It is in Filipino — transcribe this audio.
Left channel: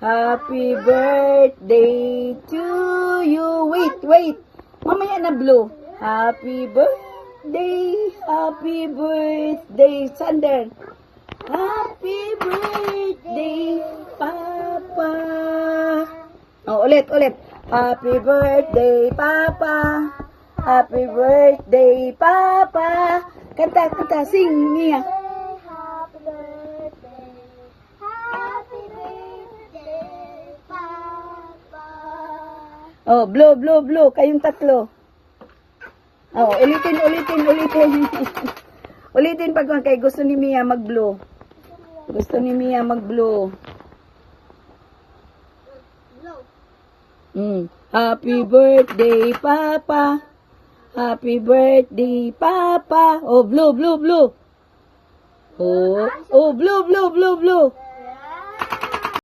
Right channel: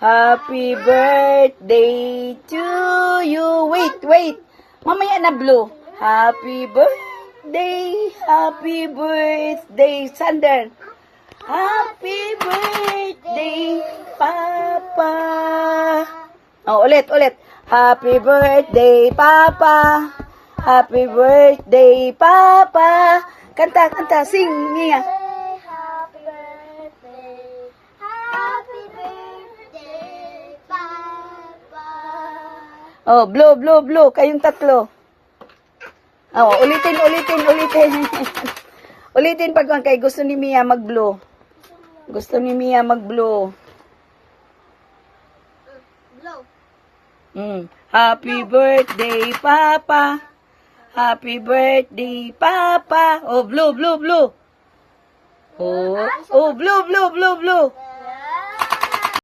Happy birthday to you. Wait. Mamaya na blue. Happy birthday, Sander. Happy birthday, Papa. Oh, ulit. Happy birthday, Papa. Happy birthday, Papa. Kanta, sing, Mia. Happy birthday, Papa. Oh, blue. Kayong tatlo. Oh, ulitin. Ulitin pag kay gusto ni Mia mag-blue. Gusto ni Mia mag-blue. Blow. Happy birthday, Papa. Happy birthday, Papa. Oh, blue. Oh, blue.